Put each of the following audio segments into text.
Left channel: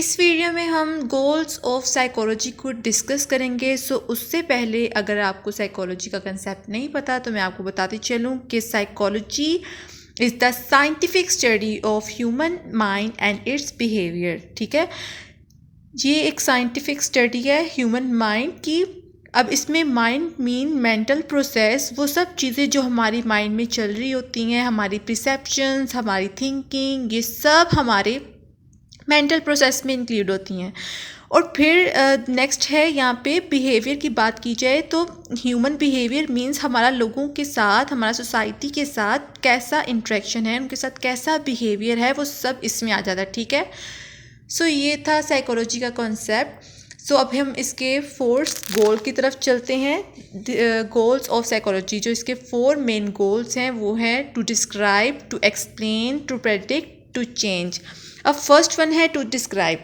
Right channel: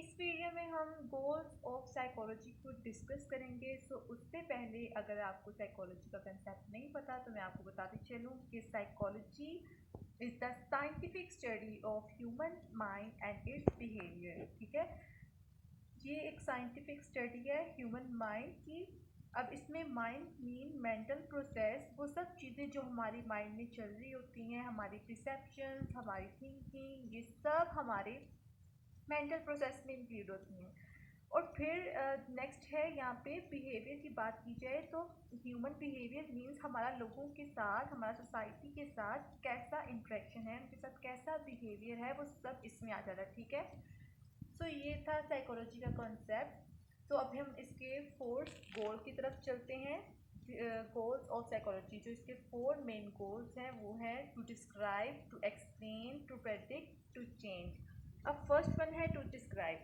इस वीडियो में हम गोल्स ऑफ साइकोलॉजी को डिस्कस करेंगे। उससे पहले अगर आपको साइकोलॉजी का कंसेप्ट नहीं पता तो मैं आपको बताती चलूँ कि psychology is the scientific study of human mind and it's behaviour. ठीक है, ये एक साइंटिफिक स्टडी है ह्यूमन माइंड की। अब इसमें माइंड मीन मेंटल प्रोसेस, वो सब चीज़ें जो हमारी माइंड में चल रही होती हैं, हमारी परसेप्शंस, हमारी थिंकिंग, ये सब हमारे मेंटल प्रोसेस में इंक्लूड होती हैं। और फिर नेक्स्ट है यहाँ पे बिहेवियर की बात की जाए तो ह्यूमन बिहेवियर मींस हमारा लोगों के साथ, हमारा सोसाइटी के साथ कैसा इंटरेक्शन है, उनके साथ कैसा बिहेवियर है, वो सब इसमें आ जाता है। ठीक है, ये था साइकोलॉजी का कॉन्सेप्ट। अब हम इसके 4 गोल की तरफ चलते हैं। गोल्स ऑफ साइकोलॉजी, जो इसके 4 मेन गोल्स हैं वो हैं to describe, to explain, to predict, to change. अब फर्स्ट वन है टू डिस्क्राइब।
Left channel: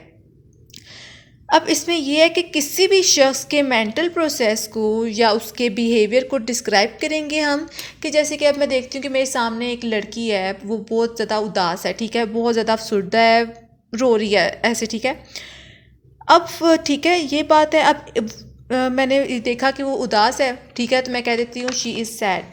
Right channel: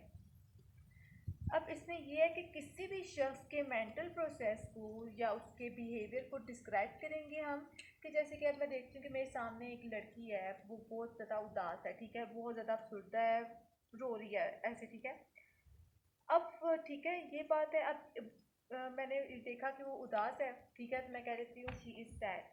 अब इसमें यह है कि किसी भी शख्स के मेंटल प्रोसेस को या उसके बिहेवियर को डिस्क्राइब करेंगे हम। कि जैसे कि अब मैं देखती हूँ कि मेरे सामने एक लड़की है, वो बहुत ज़्यादा उदास है, ठीक है, बहुत ज़्यादा अफसुर्दा है, रो रही है ऐसे। ठीक है, अब ठीक है, ये बात है। अब मैंने देखा कि वो उदास है, ठीक है, तो मैं कह देती हूँ शी इज़ सैड।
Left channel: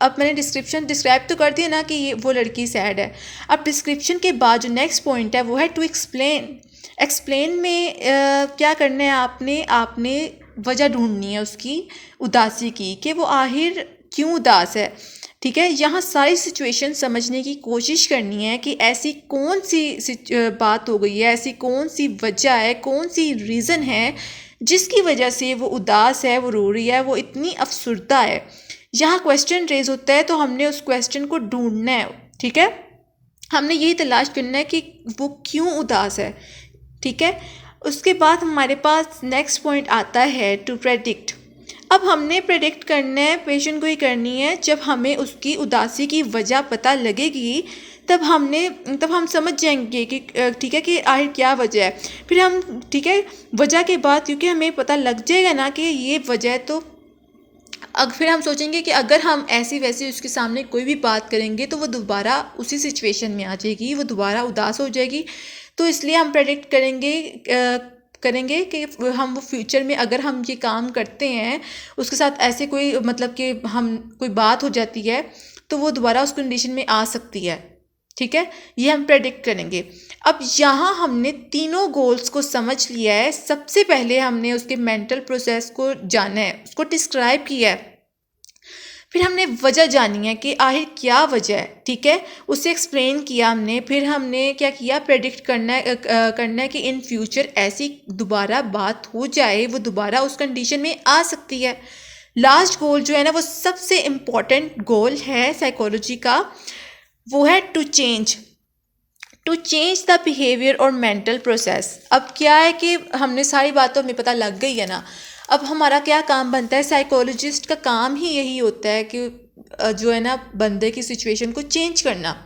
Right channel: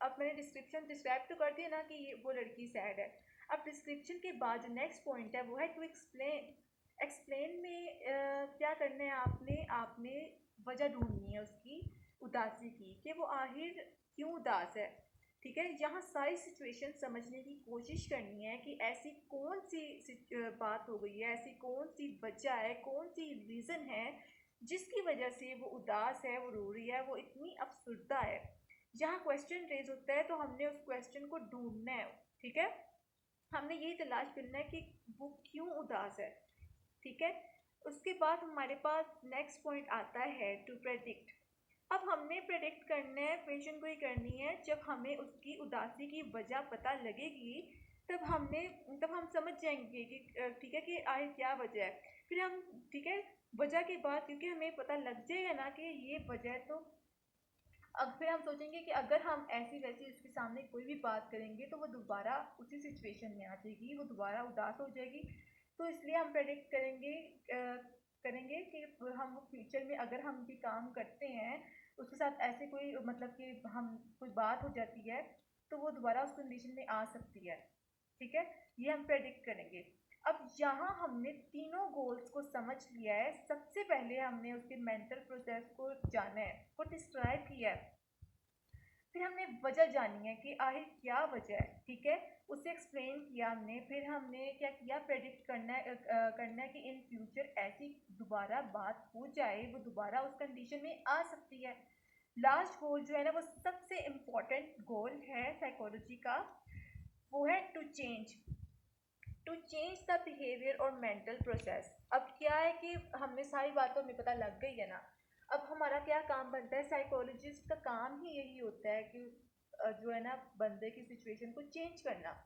अब मैंने डिस्क्राइब तो कर दिया ना कि ये वो लड़की सैड है। अब डिस्क्रिप्शन के बाद जो नेक्स्ट पॉइंट है वो है टू एक्सप्लेन। एक्सप्लेन में क्या करना है, आपने वजह ढूंढनी है उसकी उदासी की, कि वो आखिर क्यों उदास है। ठीक है, यहाँ सारी सिचुएशन समझने की कोशिश करनी है कि ऐसी कौन सी बात हो गई है, ऐसी कौन सी वजह है, कौन सी रीज़न है जिसकी वजह से वो उदास है, वो रो रही है, वो इतनी अफसुर्दा है। यहाँ क्वेश्चन रेज होता है तो हमने उस क्वेश्चन को ढूंढना है। ठीक है, हमने यही तलाश करना है कि वो क्यों उदास है। ठीक है, उसके बाद हमारे पास नेक्स्ट पॉइंट आता है टू प्रेडिक्ट। अब हमने प्रेडिक्ट करना है, पेशेंट को ही करनी है। जब हमें उसकी उदासी की वजह पता लगेगी तब हम समझ जाएंगे कि ठीक है कि आखिर क्या वजह है। फिर हम ठीक है, वजह के बाद क्योंकि हमें पता लग जाएगा ना कि ये वजह है, तो फिर हम सोचेंगे कि अगर हम ऐसी वैसी उसके सामने कोई भी बात करेंगे तो वो दोबारा उसी सिचुएशन में आ जाएगी, वो दोबारा उदास हो जाएगी। तो इसलिए हम प्रेडिक्ट करेंगे कि हम वो फ्यूचर में अगर हम ये काम करते हैं, उसके साथ ऐसे कोई मतलब कि हम कोई बात हो जाती है तो वो दोबारा उस कंडीशन में आ सकती है। ठीक है, ये हम प्रेडिक्ट करेंगे। अब यहाँ हमने तीनों गोल्स को समझ लिया है। सबसे पहले हमने उसके मेंटल प्रोसेस को जाना है, उसको डिस्क्राइब किया है। फिर हमने वजह जानी है कि आखिर क्या वजह है। ठीक है, उसे एक्सप्लेन किया हमने। फिर हमने क्या किया, प्रेडिक्ट करना है कि इन फ्यूचर ऐसी दोबारा बात हो जाए, वो दोबारा उस कंडीशन में आ सकती है। लास्ट गोल जो है ना, वो सबसे इम्पॉर्टेंट गोल है साइकोलॉजी का, वो है टू चेंज द बिहेवियर और मेंटल प्रोसेस। अब क्या है कि हमने सारी बातों में पता लग गई है ना, अब हमारा क्या काम बनता है। साइकोलॉजिस्ट का काम ही यही होता है कि जो है ना, बंदे की सिचुएशन को चेंज करना,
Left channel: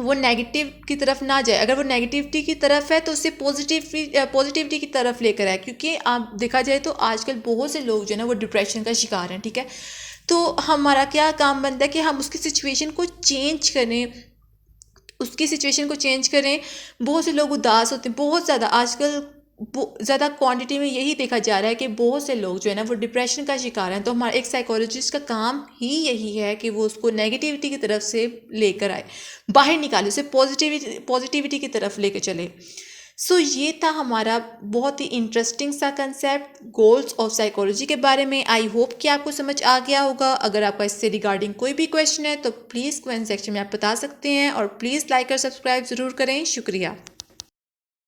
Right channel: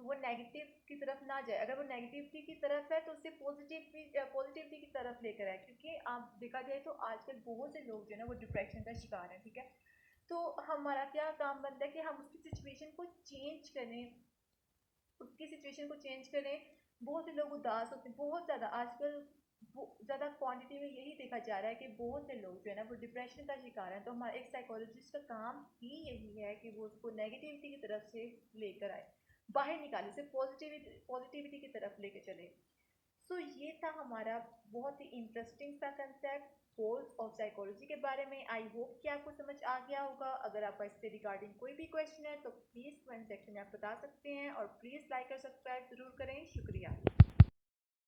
वो नेगेटिव की तरफ ना जाए। अगर वो नेगेटिविटी की तरफ है तो उसे पॉजिटिविटी की तरफ लेकर आए। क्योंकि आप देखा जाए तो आजकल बहुत से लोग जो है ना वो डिप्रेशन का शिकार हैं। ठीक है, तो हमारा क्या काम बनता है कि हम उसकी सिचुएशन को चेंज करें। बहुत से लोग उदास होते हैं, बहुत ज़्यादा आजकल ज़्यादा क्वांटिटी में यही देखा जा रहा है कि बहुत से लोग जो है ना वो डिप्रेशन का शिकार हैं। तो हमारा एक साइकोलॉजिस्ट का काम ही यही है कि वो उसको नेगेटिविटी की तरफ से लेकर आए, बाहर निकाले, उसे पॉजिटिविटी की तरफ लेकर चले। ये था हमारा बहुत ही इंटरेस्टिंग सा कंसेप्ट गोल्स ऑफ साइकोलॉजी के बारे में। आई होप कि आपको समझ आ गया होगा। अगर आपका इससे रिगार्डिंग कोई भी क्वेश्चन है तो प्लीज़ कमेंट सेक्शन में आप बता सकते हैं, और प्लीज़ लाइक और सब्सक्राइब ज़रूर करें। शुक्रिया।